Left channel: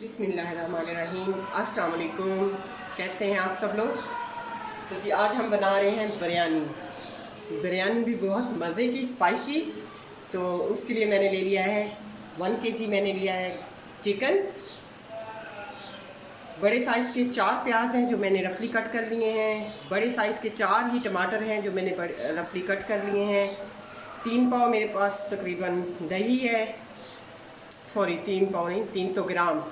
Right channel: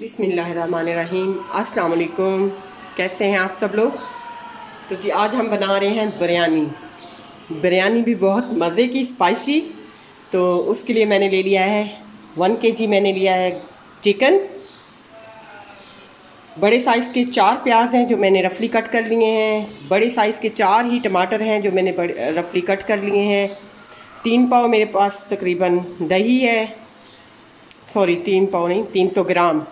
बिस्मिल्लाहिर्रहमानिर्रहीम। अस्सलाम वालेकुम। कैसे हैं आप सब लोग? तो जी आज हम बना रहे हैं बिरयानी भी बहुत मज़े की, स्पाइसी। तो उसके लिए मैंने ले लिया है 1 kg मैंने लिया है चिकन। बड़े साइज़ के 4 प्याज हैं जो मैंने रफली कट कर लिए हैं। बड़े साइज़ के 4 ही टमाटर हैं जो मैंने रफली कट कर लिए हैं। 3 पाव मेरे पास तकरीबन दही है, सॉरी 3 पाव नहीं, 300 ग्राम।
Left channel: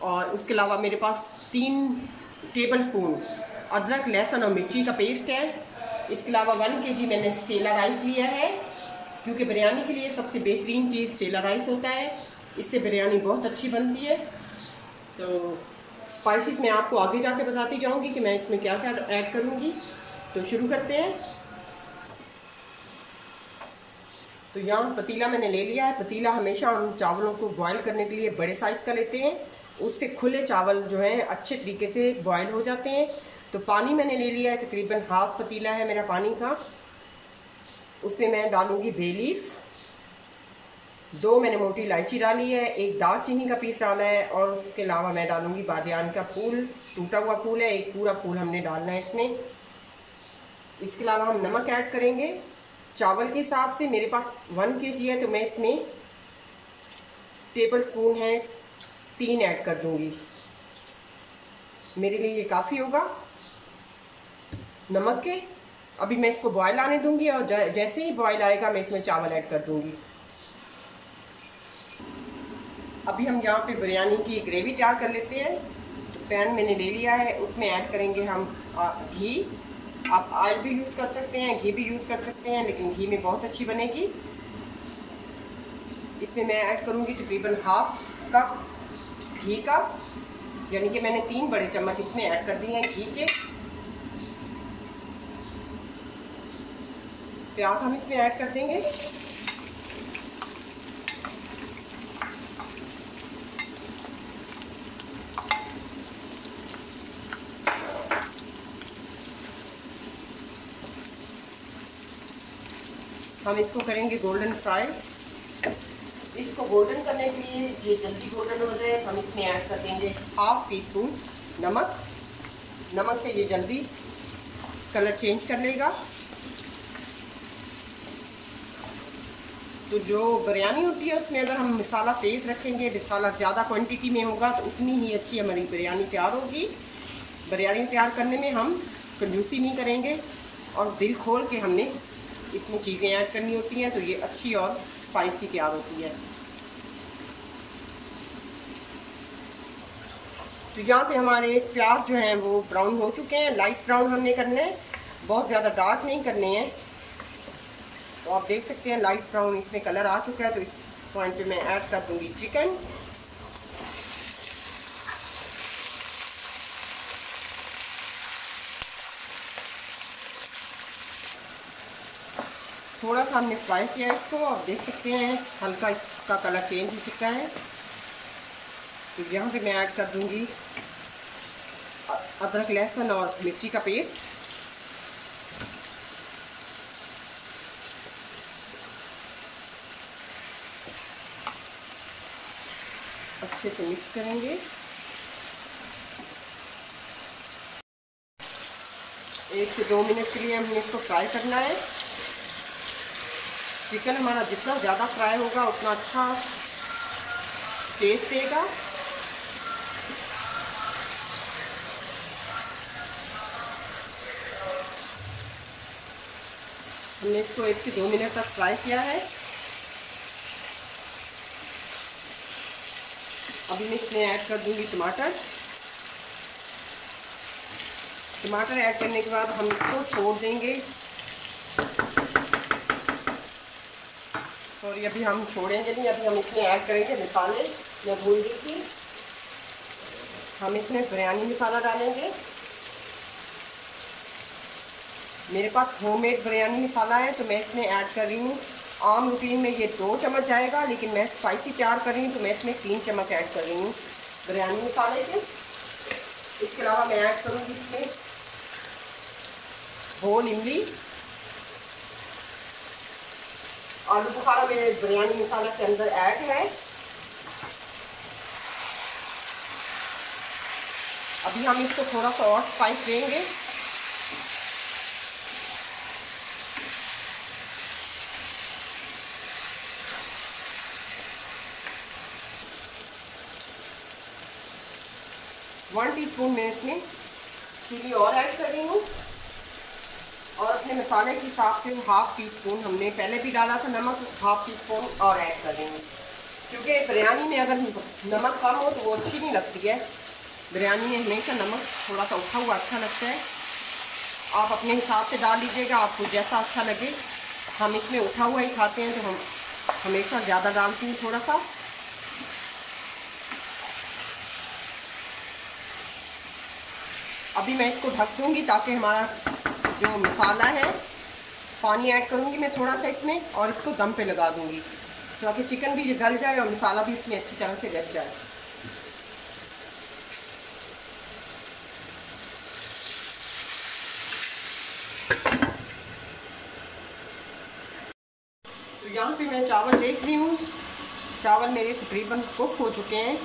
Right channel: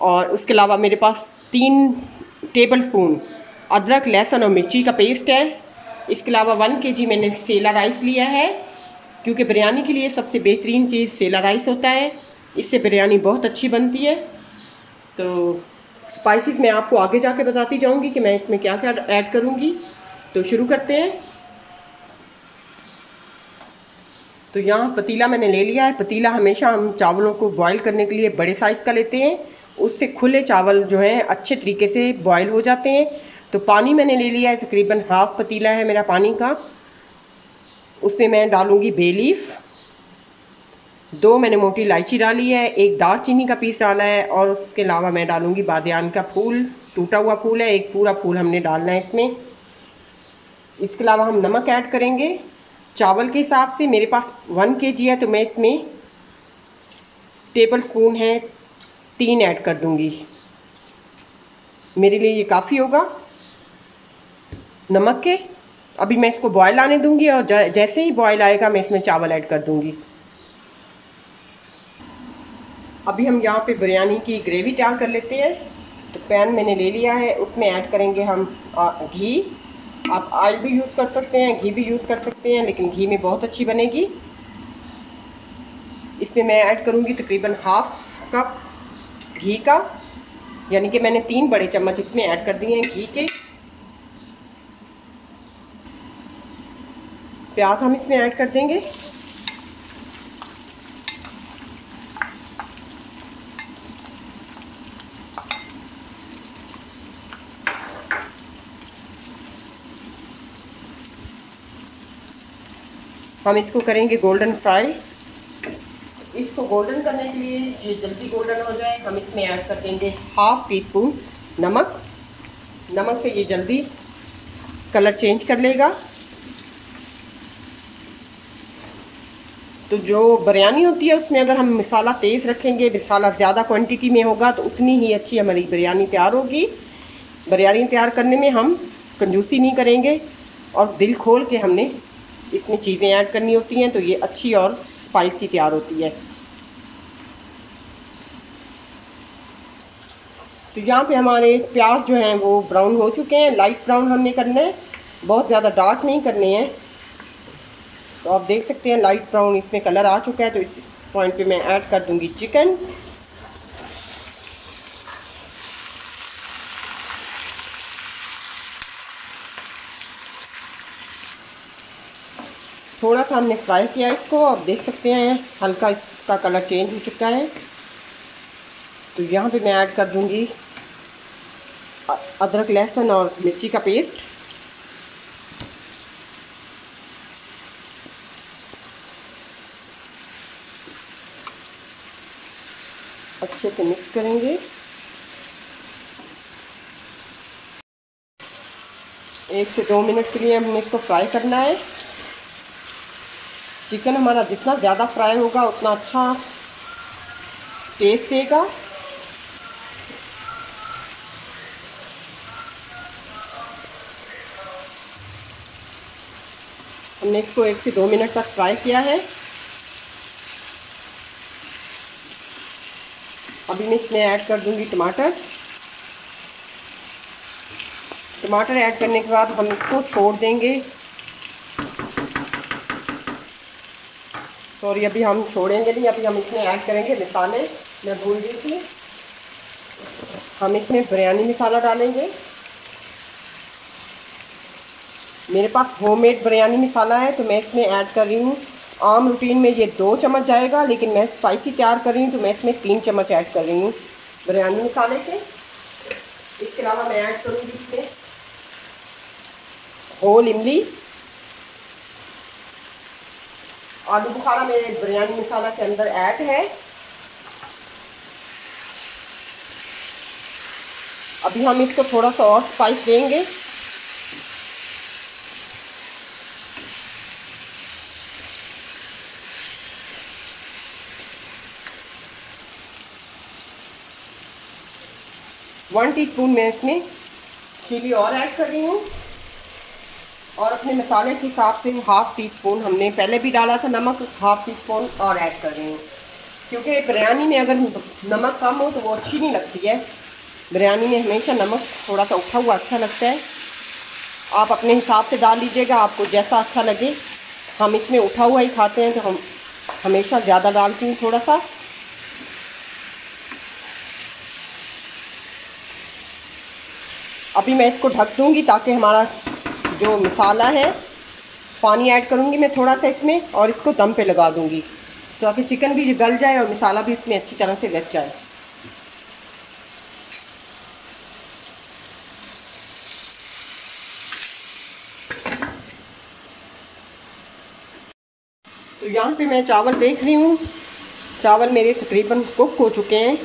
और उसके अलावा मेरे पास 3 टेबलस्पून अदरक, लहसुन और मिर्ची का पेस्ट है। इसके अलावा 1 kg मैंने सेला राइस लिया है, क्योंकि बिरयानी के लिए सबसे बेहतरीन चीज़ सेला राइस होता है। इससे बिरयानी बहुत अच्छी बनती है। तो स्पाइसेस मैं आपको आगे जाके बताती जाऊंगी कि मैं इसमें क्या क्या ऐड करूंगी। तो शुरू करते हैं। तो यहाँ पतीला मैंने ले लिया है। पतीला हमेशा हम चावलों को बॉईल करने के लिए बड़े साइज़ का लेते हैं, उससे खुले चावल जो हैं अच्छे तरीके से बॉईल हो जाते हैं। तो पानी मैंने ले लिया है, तकरीबन हाफ पतीला है मेरा पानी का। उसमें मैं डालूंगी बे लीफ, 2 मैंने मोटी इलायची डाली है, 1 दालचीनी का पीस डाला है, और उसके अलावा मैं डालूंगी बादियान का फूल, टूटा हुआ फूल है, 1 पूरा फूल हमने डालना है इसमें। इसके अलावा हम नमक ऐड करेंगे चावल के हिसाब से। मेरे पास 1 kg है तो मैं इसमें टेबल स्पून है 3 ऐड कर दूंगी, मेरे लिए ये काफ़ी होगा नमक के। अभी मैं इसको बॉयल आने दूंगी और जैसे ही बॉयल आएगा मैं इसमें चावल ऐड कर दूंगी। अभी हम यहाँ पे बिरयानी की ग्रेवी तैयार कर लेते हैं। तो पैन मैंने ले लिया है, उसमें ऐड करेंगे हम घी। आप ऑयल भी यूज़ कर सकते हैं, घी भी यूज़ कर सकते हैं, लेकिन घी में बहुत अच्छी बनेगी। इसमें मैं ऐड करूँगी तकरीबन हाफ कप घी का, यानी कि मैंने 3 बड़े चम्मच इसमें ऐड कर दिए हैं घी के। प्याज हम इसमें ऐड कर देंगे। हम इसको करेंगे गोल्डन फ्राई। इसको गोल्डन करने के लिए, ये जल्दी गोल्डन हो जाए, हम इसमें ऐड कर देंगे हाफ टी स्पून नमक। नमक से ये जल्दी कलर चेंज कर लेगा। तो जो बिरयानी होती है उसमें अगर हम मसाला तेज़ रखेंगे, मसाला ज़्यादा क्वांटिटी में होगा, तो उतनी ही अच्छी हमारी बिरयानी तैयार होगी। बिरयानी तैयार करने में हम कंजूसी नहीं करेंगे और दिल खोल के हमने इसमें चीज़ें ऐड करनी होती हैं, तो ये अच्छी और स्पाइसी तैयार होती है। तो यहाँ पे हमारे प्याज जो हैं वो ब्राउन हो चुके हैं। लाइट ब्राउन हमने करने हैं, बहुत ज़्यादा डार्क नहीं करने हैं। तो आप देख सकते हैं लाइट ब्राउन इसमें कलर आ चुका है। तो इस पॉइंट पे मैं ऐड कर दूंगी चिकन। थोड़ा सा हमने फ्राई किया इसको, आप देख सकते हैं हल्का इसका कलर चेंज हो चुका है। तो यहाँ पे मैं ऐड कर दूंगी अदरक, लहसुन और मिर्ची का पेस्ट। अच्छे से मिक्स करेंगे। 1 से 2 मिनट के लिए हमें इसको फ्राई करना है। चिकन हमारा जितना ज़्यादा फ्राई होगा उतना अच्छा टेस्ट देगा। हमने इसको 1 से 2 मिनट तक फ्राई किया है। अभी मैं इसमें ऐड कर दूंगी टमाटर। टमाटर ऐड करने के बाद हम इसको छोड़ देंगे। सॉरी, अभी हम छोड़ेंगे नहीं, अभी हम इसमें ऐड करेंगे मसाले। मैं भूल गई थी, हम इसमें बिरयानी मसाला डालेंगे। मेरे पास होममेड बिरयानी मसाला है तो मैं इसमें ऐड कर रही हूँ। आम रूटीन में ये 2 चम्मच जाएगा, लेकिन मैं स्पाइसी तैयार कर रही हूँ तो मैं इसमें 3 चम्मच ऐड कर रही हूँ बिरयानी मसाले के। इसके अलावा मैं ऐड करूँगी इसमें होल इमली। आलू बुखारा मेरे बिरयानी मसाला के अंदर ऐड है। अभी हम इसको थोड़ा सा और स्पाइस देंगे। वन टीस्पून मैं इसमें चिली और ऐड कर रही हूँ, और अपने मसाले के हिसाब से हाफ टी स्पून, हमने पहले भी डाला था नमक, हाफ टी स्पून और ऐड कर रही हूँ, क्योंकि बिरयानी में अगर नमक कम हो तो वो अच्छी नहीं लगती है। बिरयानी में हमेशा नमक थोड़ा सा उठा हुआ अच्छा लगता है। आप अपने हिसाब से डाल लीजिएगा, आपको जैसा अच्छा लगे। हम इसमें उठा हुआ ही खाते हैं तो हम हमेशा ज़्यादा डालती हूँ थोड़ा सा। अभी मैं इसको ढक दूँगी ताकि हमारा जो मसाला है, पानी ऐड करूँगी मैं थोड़ा सा इसमें, और इसको दम पे लगा दूँगी ताकि चिकन भी गल जाए और मसाला भी इसमें अच्छी तरह से लग जाए। तो यहाँ पे मैं चावल देख रही हूँ, चावल मेरे तकरीबन कुक हो चुके हैं।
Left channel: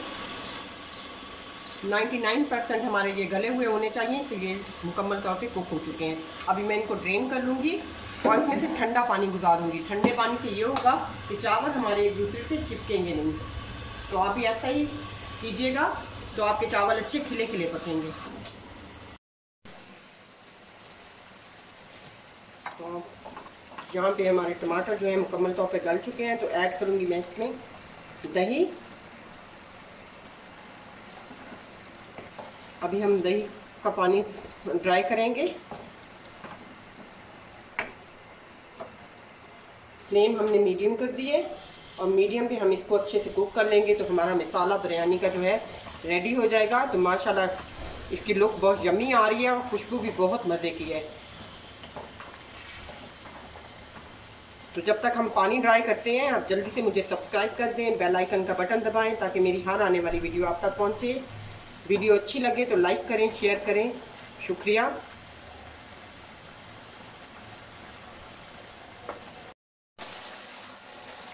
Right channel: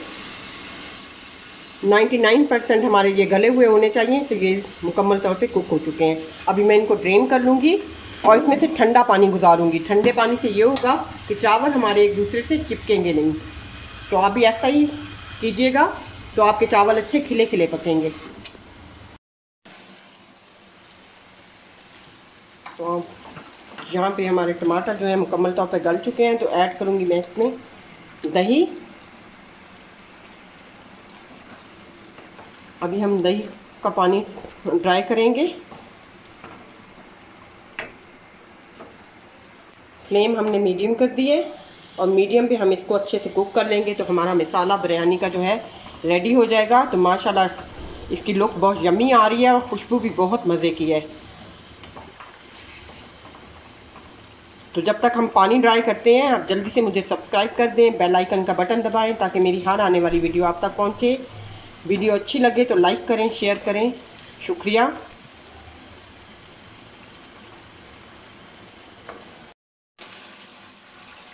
99% हमारे ये गले हुए होने चाहिए, तो ये मुकम्मल तौर पे कुक हो चुके हैं। अभी मैं इनको ड्रेन कर लूँगी और इसमें से ठंडा पानी गुजारूँगी। ठंडे पानी से ये होगा कि चावल हमारे एक दूसरे से चिपकेंगे नहीं। तो आप भी ऐसा ही कीजिएगा, तो आपके चावल अच्छे खिले खिले पकेंगे। तो यहाँ पे हमारे टमाटर जो है मुकम्मल तौर पे गल चुके हैं, तो ऐड करूँगी मैं इसमें दही। अभी हम दही का पानी ड्राई करेंगे। फ्लेम हमने मीडियम कर दी है, और मीडियम पे हम इसको अच्छे से कुक कर लेंगे तो हमारा मसाला बिरयानी का जो है रेडी हो जाएगा। तो माशाल्लाह इसकी लुक बहुत यम्मी आ रही है और खुशबू भी बहुत मज़े की है। तो जब तक हम पानी ड्राई करते हैं, आप जल्दी से मुझे सब्सक्राइब कर दें, बेल आइकन का बटन दबाएं ताकि मेरी हर आने वाली वीडियो आप तक पहुंचे। वीडियो अच्छी लगे तो लाइक करें, शेयर करें। शुक्रिया।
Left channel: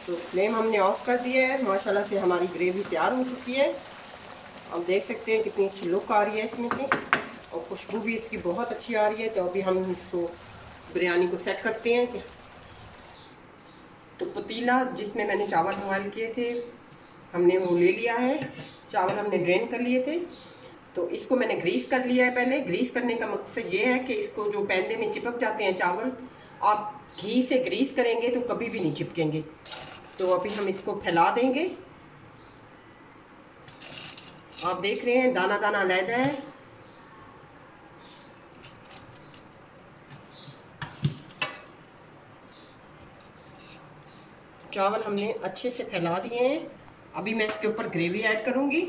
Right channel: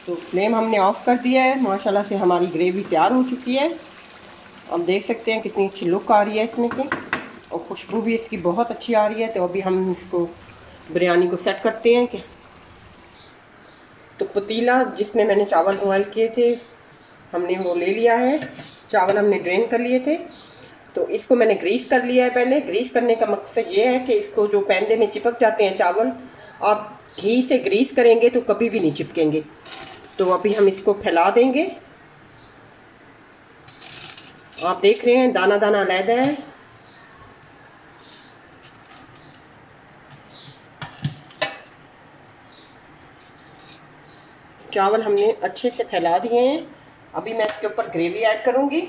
तो फ्लेम हमने ऑफ कर दिया है। माशाल्लाह से हमारी ग्रेवी तैयार हो चुकी है। अब देख सकते हैं कितनी अच्छी लुक आ रही है इसमें से, और खुशबू भी इसकी बहुत अच्छी आ रही है। तो अभी हम इसको बिरयानी को सेट करते हैं। कि तो पतीला जिसमें मैंने चावल बॉयल किए थे, हमने वो ले लिया है। चावल हमने ड्रेन कर लिए थे, तो इसको मैंने ग्रीस कर लिया है। पहले ग्रीस करने का मकसद ये है कि इसको जो पैंदे में चिपक जाते हैं चावल, आप घी से ग्रीस करेंगे तो कभी भी नहीं चिपकेंगे। तो अभी हम इसको फैला देंगे। आप देख रहे हैं दाना दाना अलग है। चावल हमने अच्छे से फैला दिए हैं। अभी मैं इसके ऊपर ग्रेवी ऐड करूंगी।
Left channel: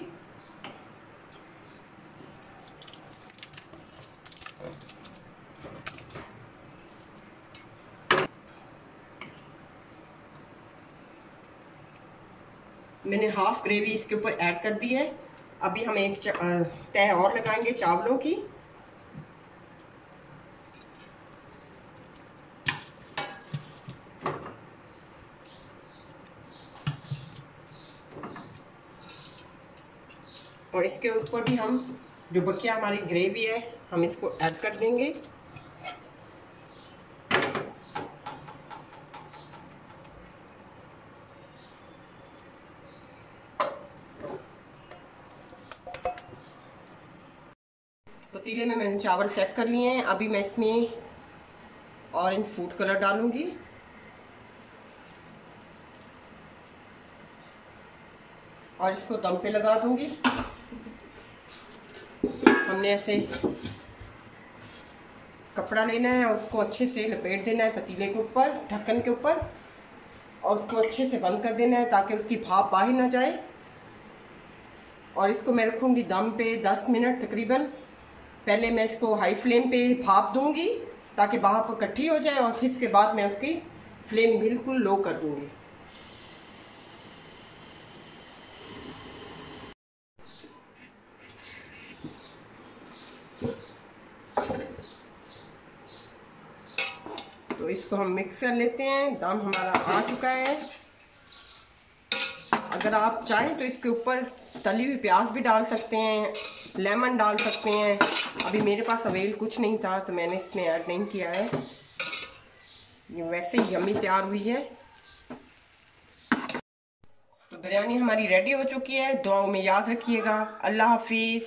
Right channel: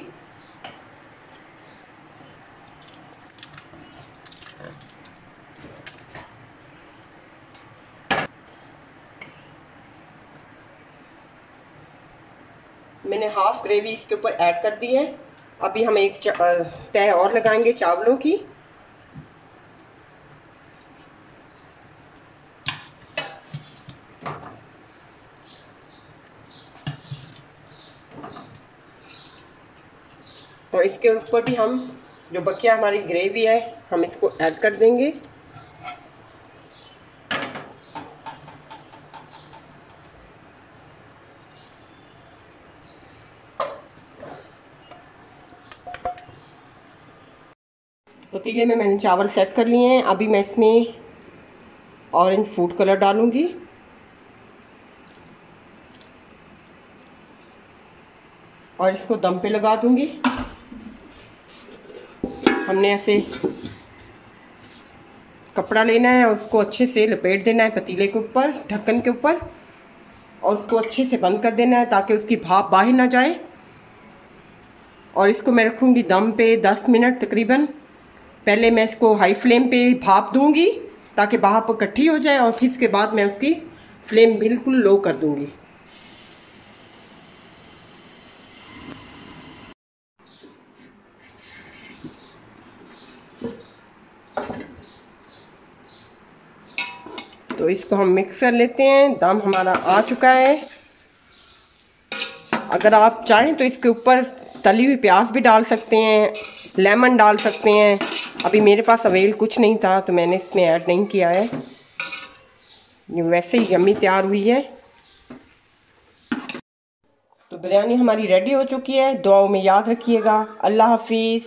मैंने हाफ ग्रेवी इसके ऊपर ऐड कर दी है। अभी हम एक तह और लगाएंगे चावलों की। और इसके ऊपर भी हम जो बकिया हमारी ग्रेवी है, हम इसको ऐड कर देंगे। पतीले में मैंने चावल सेट कर लिए हैं। अभी मैं इसमें ऑरेंज फूड कलर डालूंगी, और इसको दम पे लगा दूंगी। हमने ऐसे कपड़ा लेना है और उसको अच्छे से लपेट देना है पतीले के ऊपर, ढक्कन के ऊपर, और उसको अच्छे से बंद कर देना है ताकि उसकी भाप बाहर ना जाए। और इसको मैं रखूँगी दम पे 10 मिनट तकरीबन। पहले मैं इसको हाई फ्लेम पे भाप दूंगी ताकि भाप इकट्ठी हो जाए, और फिर इसके बाद मैं उसकी फ्लेम बिल्कुल लो कर दूंगी। तो इसको हम मिक्स कर लेते हैं। दम हमारा आ चुका है। अगर आप चाहें तो इसके ऊपर तली हुई प्याज भी डाल सकते हैं, लेमन डाल सकते हैं। अभी मेरे पास अवेल कुछ नहीं था तो मैंने इसमें ऐड नहीं किया है। ये वैसे ही यम्मी तैयार हुई है। तो बिरयानी हमारी रेडी हो चुकी है। दुआओं में याद रखिएगा। अल्लाह हाफिज़।